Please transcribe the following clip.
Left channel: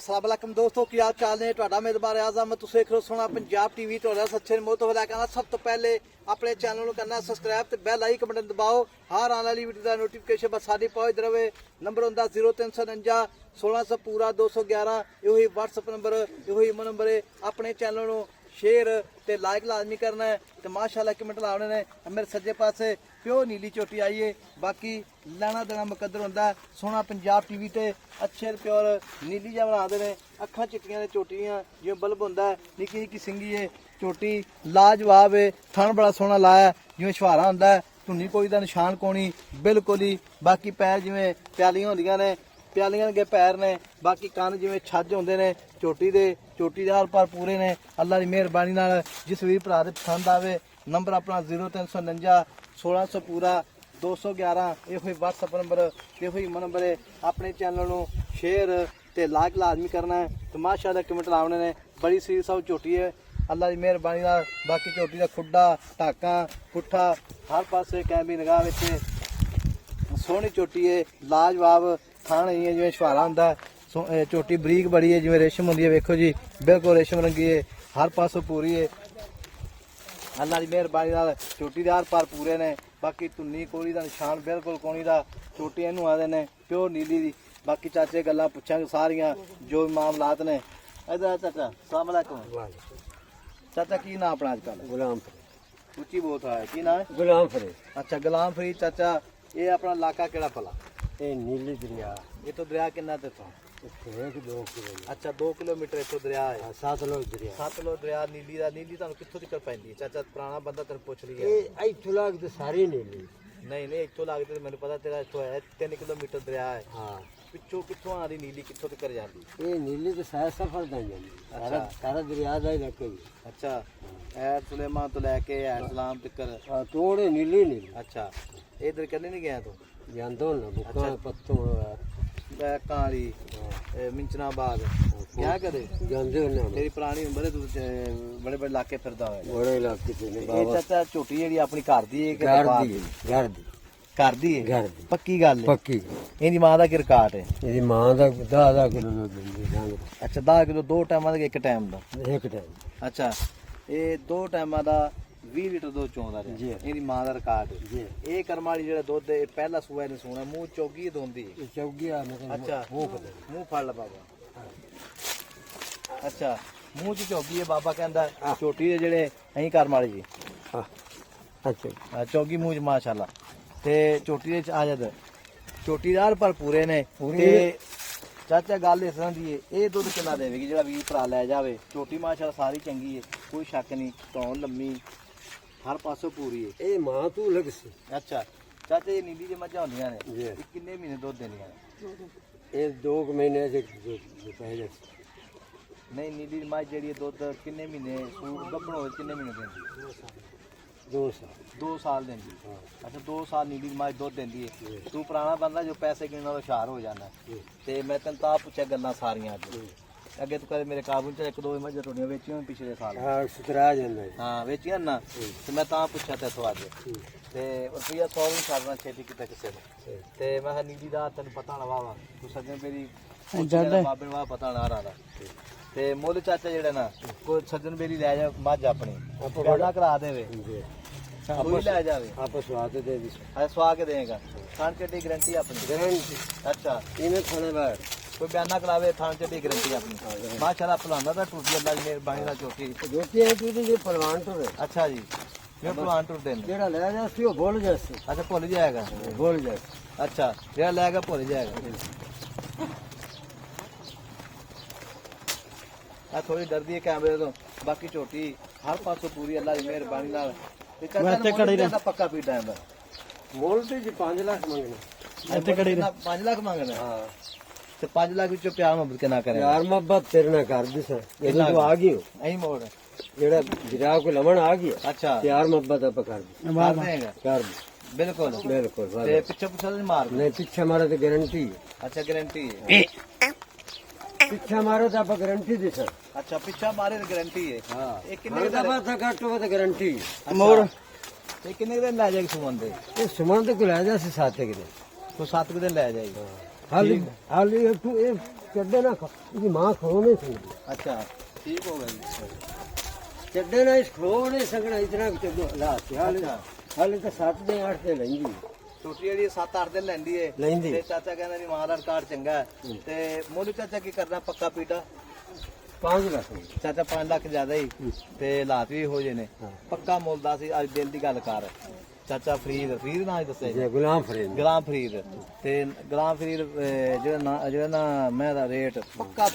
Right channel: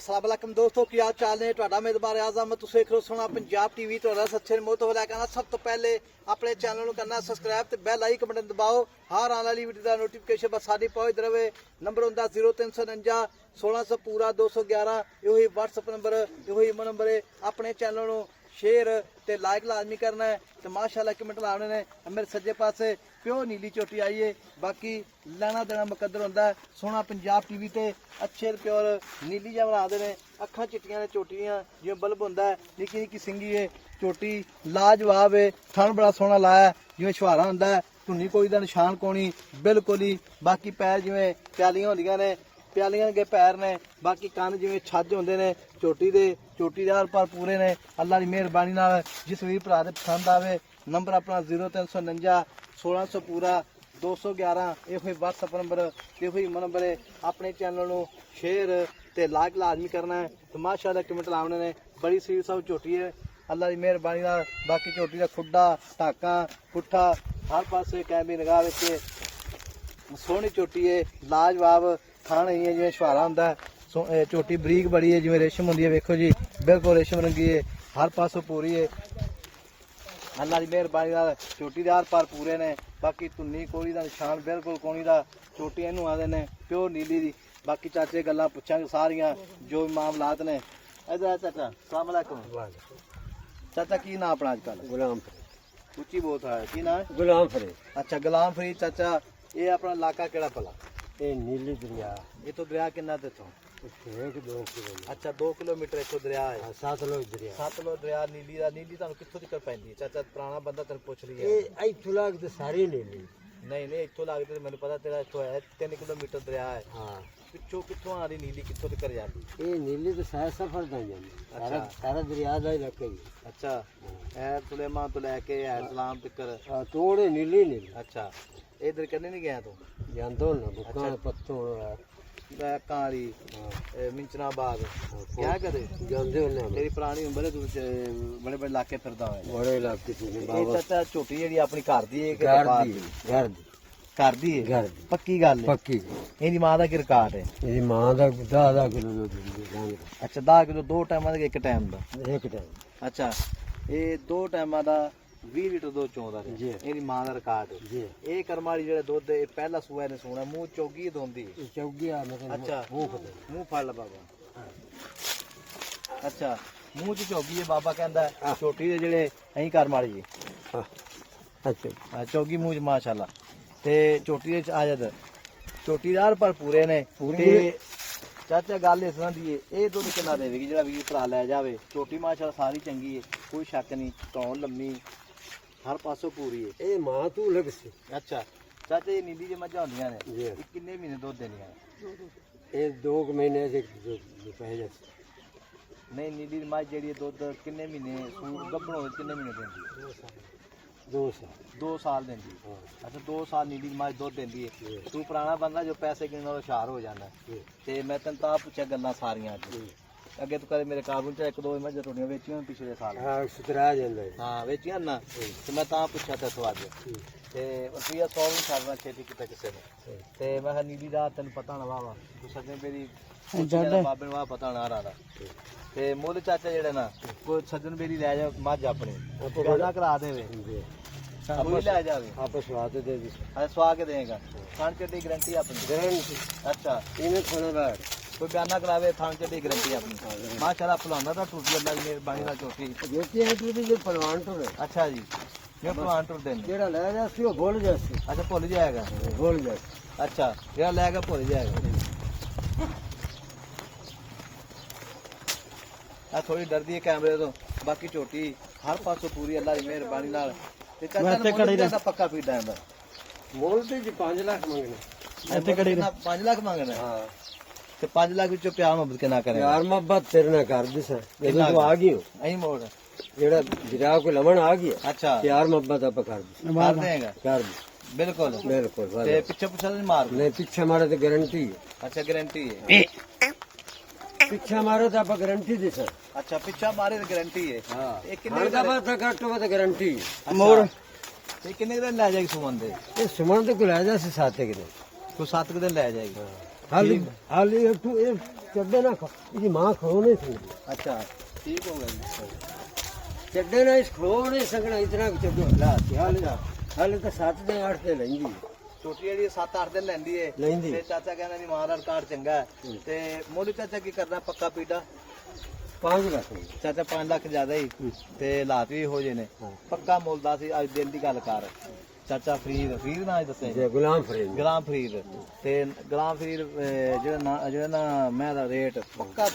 अस्सलाम वालेकुम दोस्तों, की हाल चाल ने? ਤੁਹਾਡਾ ਮੇਜ਼ਬਾਨ ਆਜ਼ਮ ਤੁਸੀਂ ਦੇਖ ਰਹੇ ਹੋ ਪੰਜਾਬ ਟੀਵੀ। ਤੁਹਾਡਾ ਸੱਚੇ ਮੋਹ ਹੋ ਰਿਹਾ। ਸਭ ਤੋਂ ਪਹਿਲੇ ਆਪਣੇ ਚੈਨਲ ਨੂੰ ਕਰਨਾ ਸਬਸਕ੍ਰਾਈਬ ਤੇ ਬੈਲ ਆਈਕਨ ਬਟਨ ਦਬਾਓ। ਹਰ ਆਉਣ ਵਾਲੀ ਵੀਡੀਓ ਦਾ ਨੋਟੀਫਿਕੇਸ਼ਨ ਬਸ ਸਾਡੀ ਪਹੁੰਚ ਰਹੇ। ਨੰਬਰ ਹੁੰਦਾ 0349 1600 ਪੂਰਾ 211। ਇਹੋ ਹੀ WhatsApp ਨੰਬਰ, ਇਹੋ ਹੀ ਨੰਬਰ ਹੈ। ਆਪਣੇ ਚੈਨਲ ਨੂੰ शेयर ते लाइक लाजमी करना है। तो माशाल्लाह कमेंट लाने ने। मेरे सज्जे पासे प्योर नीली चोटी आई है। बाकी लाना देना मुकद्दर होंदा। सोहना पंजाब टीवी ते अच्छे प्योर नीली जा बनाते हैं। अखां चिट्टियां ने चोटियां जिवें बल्ब होंदा है। निक्की निक्की सिंगी है चोटी, लाजवाब है। थन बड़ा सोहना लाया जिवें छुहारा होंदा है। धुनी कोई दा निशान कोनी बिल्कुल ही। बाकी पैर जिवें प्यालियां होंदियां ने, प्यालियां के पैर ने। बाकी कंन जिवें छज होंदे ने चोटी दे। चोटी दे हर पार पूरे ने। अल्लाह की मेहरबानी नाल जिस वीर भरा दे पसंद आवे नंबर अपना 0349 1600 पूरा 211। ये WhatsApp नंबर, ये नंबर है। अपने चैनल नूं शेयर ते लाइक लाजमी करना है। तो माशाल्लाह कमेंट लाने ने। बड़ी सीरी सब चोटी है अल्लाह की मेहरबानी नाल। बाकी चोटी का खुड्डा टाका पुट्ठा हर पासे कैमी निगाह विच सोहनी चोटी है। लाजवाब थान है जिवें छुहारा हुंदा है। चोटी बरीक बड़ी है जिवें रेशम होंदी है। वेखो जी बिल्कुल रेशम रंगी है। हर पासों पूरी है अल्लाह की मेहरबानी नाल। चोटी दे हर पार पूरे ने। बाकी धुन्नी कोली दा निशान बिल्कुल कोनी दा। चोटी इहनूं आंदे ने प्योर नीली दी। बाकी चाचे गल्लां पुछांगे सारियां जो मामलात ने। इधर चाचा अस्सलाम वालेकुम। चाचा की नाम अपना अजकल? गुलाम उच्ची बहुत है की नाम है? गुलाम फरीद। अच्छा गुलाम फरीद चाचा, ये अपना इलाका केड़ा भला? ये नीली दरिया ये तो दरिया किन्ना ते तो? 2 किलो। अच्छा 2 किलोमीटर इतो दरिया है। सतलुज दरिया। सतलुज दरिया नीली दा। नीली ਤੁਹਾਨੂੰ ਕਿੱਥੋਂ ਤੱਕ ਪੈਂਦੀ? ਚਾਚਾ ਪੁਰਾਣਾ ਬੰਦਾ ਤੈਨੂੰ ਪੁੱਛ ਲਿਆ। ये इथों लाग तो सारी नीली। ਨਹੀਂ ਨਹੀਂ ਇੱਥੋਂ ਲੱਗ ਤੇ ਮੈਨੂੰ ਪਤਾ ਤੇਰਾ ਇੱਥੋਂ ਹੈ 3 ਕਿਲੋਮੀਟਰ ਦਰਿਆ ਹੈ। हाँ ਪਿੱਛੋਂ ਕਿੱਥੋਂ ਆ ਰਹੀ ਨੀਲੀ ਕਿੱਥੋਂ ਤੱਕ ਜਾਂਦੀ? ये नीली तो सारा सफर दा जानी। सारा सारा दरिया दा ही लगे। ਅੱਛਾ ਐ ਸੁਲੇਮਾਨ ਤੋਂ ਲੈ ਕੇ ਐ ਸਲਾਮ ਤੱਕ। तोड़े नीली नीली। ਅੱਛਾ ਇਧਰ ਕਰਨੇ ਨਹੀਂ ਗਿਆ ਤੂੰ? जानदो ना बुका पत्तों ਕਾਲੀ ਮਿੰਚਨਾ ਬਾਗ ਕਿਆ ਕਰੇ जानदे ना ਤੇਰੀ ਪੁਰਾਣੀ ਉਮਰ ਹੈ। ਤੂੰ ਬੜੇ ਬੜੇ ਇਲਾਕੇ ਫਿਰਦਾ ਹੋਇਆ। बड़े इलाके से ਇਹ ਚਾਚਾ ਝੋਟੀ ਜਿਹੜੀ ਆਪਣੀ ਘਰ ਦੀ ਹੈ ਕਿ ਵਪਾਰ ਦੀ? घर दी ਘਰ ਦੀ ਹੈ। घर दी ਪੱਕੀ ਗੱਲ ਹੈ। पक्की। ਇਹਦੀ ਮਾਂ ਦਾ ਕੀ ਰਿਕਾਰਡ ਹੈ? मेरी मां दा 10 किलो दूध ਅੱਛਾ 10 ਕਿਲੋ 2 ਟਾਈਮਾਂ ਦਾ ਇੱਕ ਟਾਈਮ ਦਾ? एक टाइम। ਅੱਛਾ ਇਹ 2 ਟਾਈਮਾਂ ਦਾ 20 ਲੀਟਰ ਦੁੱਧ ਚੋਂਦਾ ਜੀ। ਇਹਦੀ ਮਾਂ ਦਾ ਰਿਕਾਰਡ ਹੈ। जी ਇਹ ਕਰਮ ਵਾਲੀ ਜਿਹੜੇ ਦੁੱਧ ਇਹ ਪਹਿਲਾ ਸੂਆ ਨੇ ਸੋਣਾ ਮੂੰਹ ਚੌਗੀ ਦੋਂਦੀ। चौगिया मतलब ਅੱਛਾ वो पता ਮੂੰਹ ਫੜ ਲਾ ਬਾਬਾ। ਅੱਛਾ ਮੂੰਹ ਚ ਚੌਗੀ ਹੈ ਬਾਬਾ ਕਹਿੰਦਾ। ਛੋਟੀ ਦੇ ਜਿਹੜੇ ਅਹੀਂ ਕਰਮ ਵਾਲੀ ਜੀ। हां अच्छा ਆ ਚੌਗੀ ਮੂੰਹ ਚ ਮਾਸ਼ਾਅੱਲਾ। ਤੇ ਚੋਟੀ ਵਿੱਚ ਆਜਦ ਚੋਟੀ ਦਾ ਹਰ ਪਰ ਪੂਰੇ ਨੇ। ਤੇ ਚਾਚਾ ਗੱਲ ਇਸ ਤਰ੍ਹਾਂ ਦੀ ਹੈ, ਇਹ ਦੁੱਧ ਕਿੰਨਾ ਦੇਵੇਗੀ ਜਿਹੜਾ ਵੀਰ ਭਰਾ ਲੈ ਜਾਵੇ? ਛੋਟੀ ਮਾਸ਼ਾਅੱਲਾ ਸਾਰੀ ਚੰਗੀ ਹੈ, ਕੋਈ ਸ਼ੱਕ ਨਹੀਂ। ਧੌਣ ਲੰਮੀ ਹਰ ਪਾਸੋਂ ਪੂਰੀ ਹੈ। ए मां तू लग सी। ਅੱਛਾ ਚਾਚਾ ਇਹ ਨੀਲੀ ਜੇ ਮੱਝਾਂ ਹੁੰਦੀਆਂ ਨੇ जी ਇਹ ਕਿੰਨੇ ਮਹੀਨੇ ਦੁੱਧ ਦੇਣੀਆਂ ਨੇ? ये 2 महीने से जो पहले ਨਹੀਂ ਨੀਲੀ ਮੱਝ ਜਿਹੜੀ ਹੈ ਦੁੱਧ ਕਿੰਨੇ ਮਹੀਨੇ ਸੂਰ ਗੱਭਣ ਹੋਏ ਕਿੰਨੇ ਮਹੀਨੇ ਦਿੰਦੀ? 2 साल 2 ਸਾਲ ਦਿੰਦੀ। ਅੱਛਾ 2 ਸਾਲ ਨੀਲੀ ਮੱਝ ਦੁੱਧ ਦਿੰਦੀ ਹੈ। ਤੂੰ ਪੁਰਾਣਾ ਬੰਦਾ ਜੋ ਪੈਸੇ ਗਿਣਨ ਨਾਲੋਂ ਹੁਸ਼ਿਆਰ ਹੋ ਜਾਂਦਾ। ਤੇ ਮੈਂ ਤੈਨੂੰ ਤਾਂ ਪੁੱਛਿਆ ਗੱਲਾਂ ਸਾਰੀਆਂ ਅੱਜ। ਅੱਗੇ ਤੂੰ ਕਦੇ ਮੇਰੇ ਕਾਬੂ ਚ 1-2 ਮੱਝਾਂ ਤੁਹਾਡੀਆਂ ਵੇਚੀਆਂ ਪਿਛਲੇ ਸਾਲ? हाँ सुतरा जांदा है। ਹਾਂ ਵੇਚੀਆਂ ਨਾ। ਤੇ ਮੈਂ ਤਾਂ ਪੁੱਛਿਆ ਤੈਨੂੰ ਅੱਜ। ਤੇ ਰੁਪਈਆ 100 ਨਹੀਂ ਕਰਨਾ ਛੇਤੀ ਕਿਤੇ ਕਿਸੇ ਨੇ। ਤੇ ਮੈਂ ਕਿਹਾ ਨੀਲੀ ਦਾ ਤੈਨੂੰ ਪਤਾ ਨਾ ਵਾਵਾ ਤੂੰ ਸੱਜਣ ਮੇਰੀ ਬਾਬੇ ਨੂੰ ਪਤਾ ਨਾ ਰਹਾ। ਤੇ ਮੁੱਲ ਚਾਚਾ ਜਿਹੜੇ ਨਾ ਕੋਈ ਸੱਜਣ ਮੇਰੀ ਲੈ ਜਾ ਮੱਝ ਆਪਣੀ ਗਾਣਾ ਕਰਾ ਦੇਵੇ ਕੋਈ ਲੈ ਜਾਵੇ आप स्वाद दे दी ਐ ਸਵਾ ਕੇ ਦੇਗਾ। ਖਾਣ ਚੱਡੀ ਗਰੰਟੀ ਆਪਣੀ। गारंटी ਅੱਛਾ इने खाने बाद ਕੋਈ ਬਿਆਨਾ ਕਰਾਵੇ ਖਾਣ ਚੱਡੀ ਗਰੰਟੀ ਆਪਣੀ। ਮਾਸ਼ਾਅੱਲਾ ਖਲਾਉਂਦਾ ਤਾਂ ਟੂਟੀ ਅੱਲਾ ਦੀ ਮਿਹਰਬਾਨੀ ਨਾਲ ਚੋਟੀ। जो कि है तू जे परवान तो ਅੱਛਾ ਜੀ ਮੈਂ ਭਗਵਾਨ ਟੁਰ ਦੇਣ। जेड़ा ले जा सी वो बोल जा सी ਅੱਛਾ ਭੁੱਲ ਜਾਏਗਾ। बोल जा ਅੱਛਾ ਜਿਹੜਾ ਲੈ ਕੇ ਭੁੱਲ ਜਾਏਗਾ। ਆ ਥੋੜੀ ਡਰਦੀ ਹੈ ਕੈਮਰੇ ਤੋਂ। ਬਾਕੀ ਝੋਟੀ ਹਰ ਪਾਸੇ ਪੂਰੀ ਅੱਲਾ ਦੀ ਮਿਹਰਬਾਨੀ ਨਾਲ। ਵੈਸੇ ਖੜੀ ਰਹਿ। ਪੱਕਾ ਫੀਡ ਆਂਦਾ मोल ते जी 5 लाख मांगना। ਇੱਥੇ ਖੜੀ 5 ਲੱਖ ਮੰਗੇ ਨੇ। हां ਤੇ 5 ਲੱਖ ਵਿੱਚੋਂ ਪਿਆਰ ਮੁਹੱਬਤ ਕਿੰਨਾ ਕਰੇ? यार मोहब्बत तेरे ना कर दी सर ये तू आ गई हो ਅਹੀਂ ਮੋੜ। जेड़ा गिरा को लमन आ गया ਅੱਛਾ प्यार मोहब्बत आप कर दी ਮਾਰ ਦੇਗਾ कर ਬਿਲਕੁਲ। बिल्कुल ਤੇ ਪਿੱਛੇ ਪਿੱਛੇ ਨਹੀਂ ਮਾਰ। मैं पीछे मारे तो गारंटी है। ਅੱਛਾ ਗਾਰੰਟੀ ਹੈ। पीछे मारे तो आप गारंटी दे सर। ਅੱਛਾ ਪਿੱਛਾ ਮਾਰੇ ਦੀ ਗਾਰੰਟੀ ਹੈ। हां ਇਹ ਕਿੰਨੇ हर का बात घट हो तो गारंटी ਮੋੜ ਇਹ ਕਿੰਨੇ ਦਿਨ ਲੈ ਜਾਏਗੀ ਸੁਮਨ ਦੇ? ये सुमन तो को ले जा से 7 के दिन। ਕੋਈ 7 ਦਿਨ ਲੈ ਜਾਏਗੀ। ਹਾਲੀ ਤੂੰ ਇਹ ਚੱਡੇ ਨਾ ਇਹਦੀ ਮਾਂ ਖੋ ਨਹੀਂ ਸਕਦੀ ਅੱਛਾ ਠੀਕ ਹੋ ਗਿਆ ਜੀ ਚੱਡੇ ਨਾ ਇਸ ਖੋ ਨਹੀਂ ਸਕਣਾ ਇਤਨਾ ਵੀ ਚੱਡੇ ਹਾਲਾਤ ਹਾਲੇ ਤਾਂ 7 ਦੇ 8 ਤੇ ਲੈਂਦੀ ਛੋਟੀ ਜਿਹੜੀ 7-8 ਦਿਨ ਲੈਂਦੀ ਏ ਲੈਂਦੀ ਤੇ ਚਾਚਾ ਕਹਿੰਦਾ ਵੀ ਮਾਂ ਦਾ ਰਿਕਾਰਡ ਚੰਗਾ ਹੈ ਤੇ ਮੋਲੀ ਚਾਚਾ ਕੀ ਕਰਨਾ ਪੱਕਾ ਪੀੜਾ 5 ਲੱਖ ਚਾਚਾ 5 ਲੱਖ ਜ਼ਿਆਦਾ ਹੀ ਤੇ ਹਾਲਾਤ ਵੀ ਹੋ ਜੇ ਨੇ ਪੱਕਾ ਮੁੱਲ ਦਾ ਸੀ ਅੱਜ ਦਿਲ ਦੀ ਗੱਲ ਕਰ ਚਾਚਾ ਫਰੀਦ ਨਾ ਦੱਸੇ ਜੇ ਗੁਲਾਮ ਫਰੀਦ ਗੁਲਾਮ ਫਰੀਦ ਤੇ ਗੁਲਾਮ ਫਰੀਦ ਜਿਹੜਾ ਨਾ ਮੈਂ ਦਾ ਰੇਟ ਪੱਕਾ